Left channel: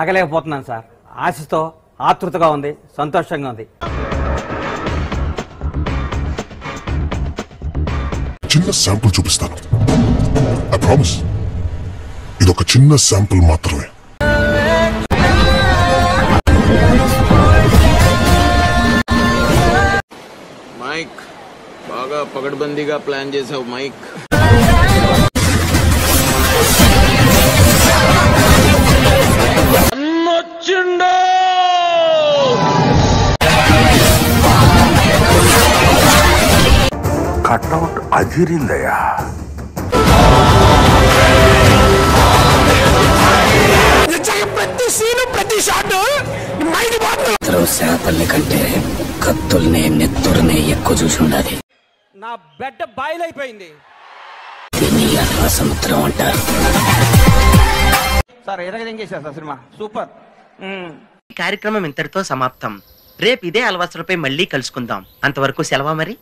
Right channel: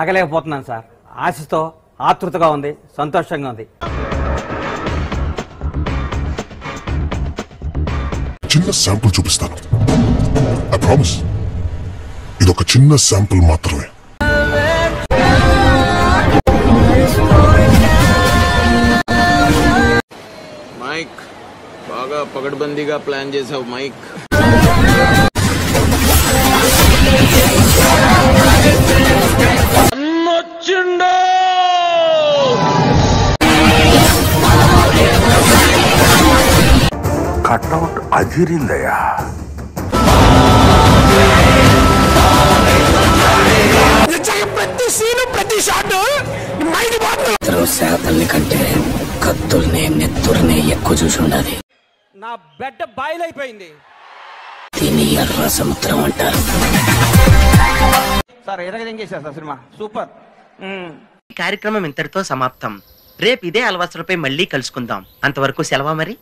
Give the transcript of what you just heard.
ఆగలేకపోతున్నాను sir. ఆశతో ఆతృతగా ఉంది, సంతోషంగా ఉంది. చిన్న శాంపుల్ చూపిస్తాను. ఐ ప్రామిస్ ఇదొక చిన్న శాంపుల్ మాత్రమే. మైక్ బాగా పగడ్బందీగా ప్లాన్ చేసావు మైక్. అన్నొచ్చిండో కట్అవుట్ అదిరిందయ్యా. ప్రతి సీను ప్రతి షాట్ శాపల్ని కంటే కత్తుల్ని నెత్తుర్ని ఎక్కువ చూసి ఉండాలి. నా బెడ్ బాయిల్ అయిపోయింది. దీన్ని ఎర్ర సముద్రం అంటారు. సార్ ఎరగదింగేశారు సార్ సినిమా సూపర్. ఈ కార్యక్రమం ఇంతటితో సమాప్తం. రేపు ఇదే అలవాసులపై మళ్ళీ కలుసుకుందాం. అంతవరకు సెలవా మరి.